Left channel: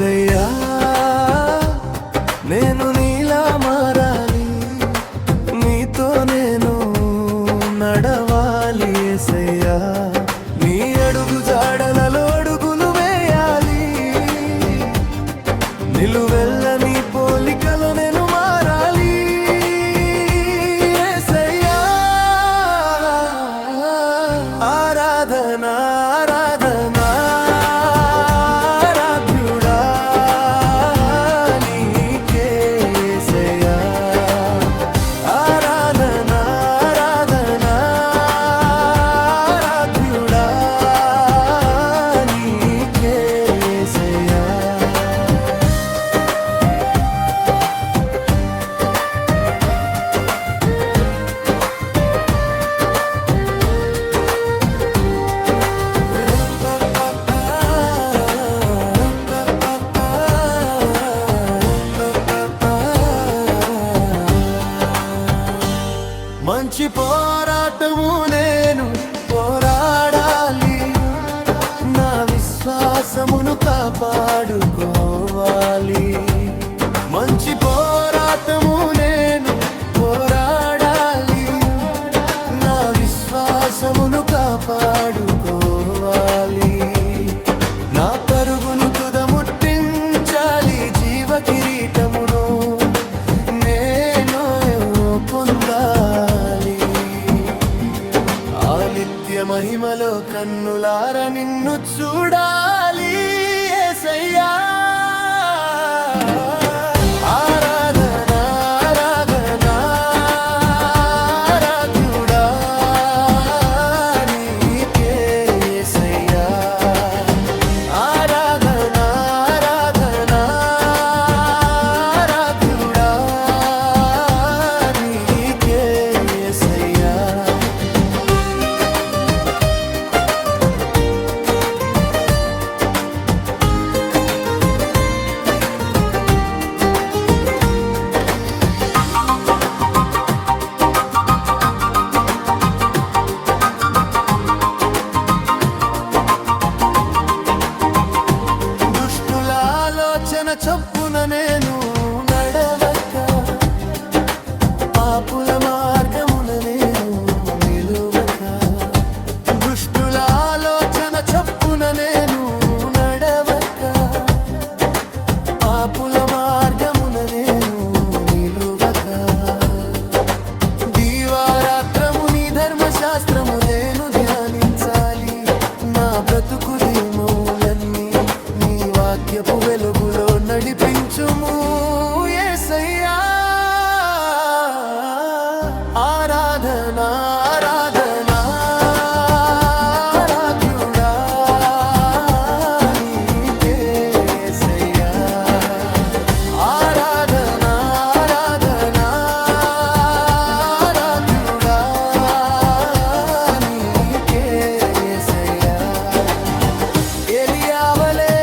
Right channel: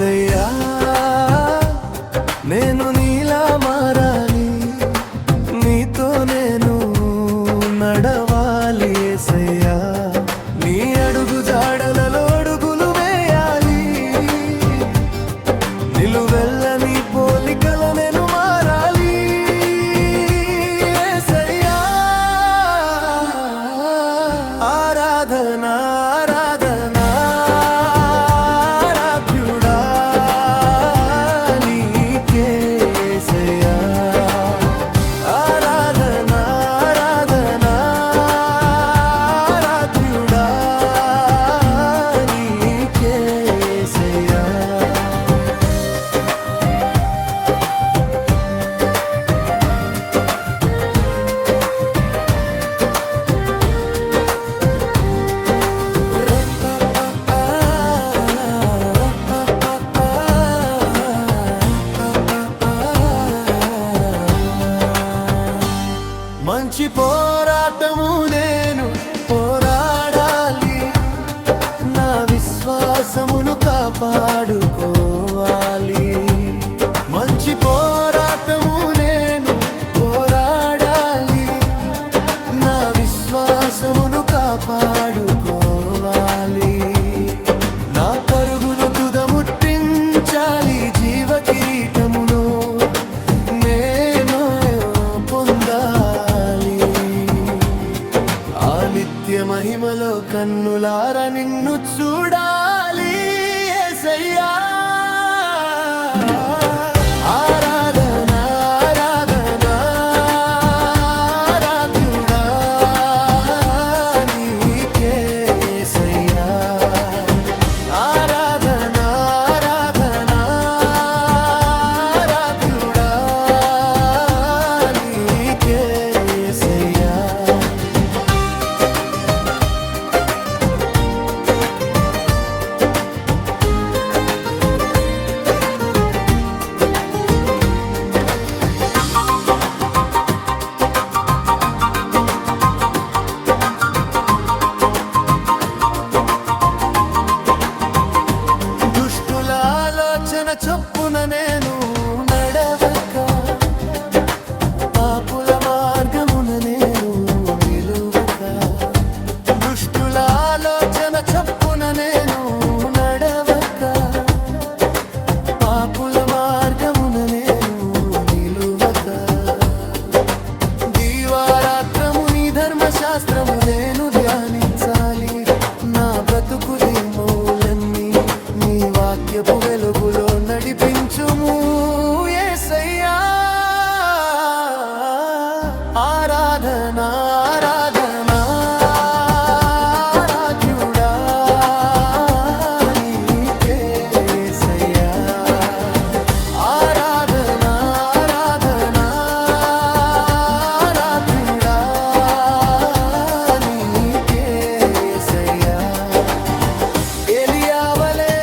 యేసయ్యా నేను నీలా మారాలి, నీతో నేను నడవాలి యేసయ్యా, నీ అడుగు జాడలలో అడుగులు వేయాలి, నిలువెల్ల నీ పోలికలో నేను మారాలి యేసయ్యా. ఆరాధనా ఆరాధనా ఆరాధ్యుడా నీకే యేసయ్యా, ఆరాధనా ఆరాధనా ఆరాధ్యుడా నీకే యేసయ్యా. మంచి పోరాటము నేను పోరాడాలి, నా విశ్వాసమును కాపాడుకోవాలి. మంచి పోరాటము నేను పోరాడాలి, నా విశ్వాసమును కాపాడుకోవాలి. నా పరుగును తుదముట్టించాలి, జీవ కిరీటమును నేను పొందాలి. ఆ నిత్య మహిమలో కన్నులార నిన్ను చూడాలి యేసయ్యా. ఆరాధనా ఆరాధనా ఆరాధ్యుడా నీకే యేసయ్యా, ఆరాధనా ఆరాధనా ఆరాధ్యుడా నీకే యేసయ్యా. దుష్టుల ఆలోచన చొప్పున నేను నడవక, పాపుల మార్గమున నేను నిలువక. దుష్టుల ఆలోచన చొప్పున నేను నడవక, పాపుల మార్గమున నేను నిలువక. దీవారాత్రము నీ ధర్మశాస్త్రము నేను ధ్యానించాలి, నా బ్రతుకు దిమౌలన్నీ నీ వాక్యపు వెలుగులో నడిపించుము యేసయ్యా. ఆరాధనా ఆరాధనా ఆరాధ్యుడా నీకే యేసయ్యా, ఆరాధనా ఆరాధనా ఆరాధ్యుడా నీకే యేసయ్యా. ఎలియావలే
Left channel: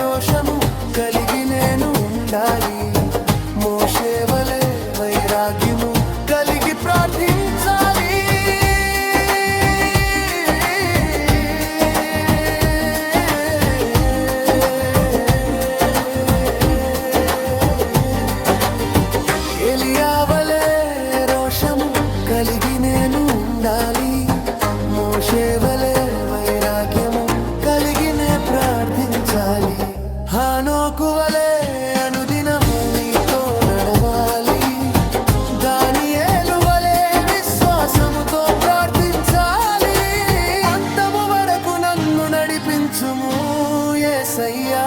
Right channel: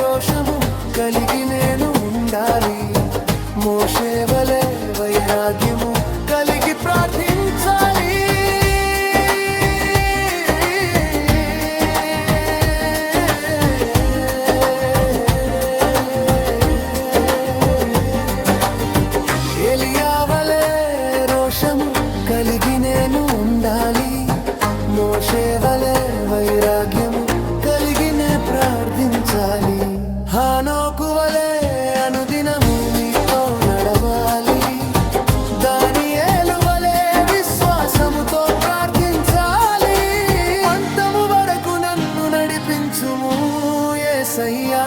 రోషము కలిగి నేను ఉండాలి, మోషేవలే వైరాగ్యము కలిగి ప్రార్థించాలి. ఎలియావలే రోషము కలిగి నేను ఉండాలి, మోషేవలే వైరాగ్యము కలిగినే ప్రార్థించాలి. హానోకు వలె అనుదినము నీతో నడవాలి, దానియేలు వలె విశ్వాసముతో ప్రార్థించాలి. అంతము వరకు నన్ను నడిపించుము యేసయ్యా.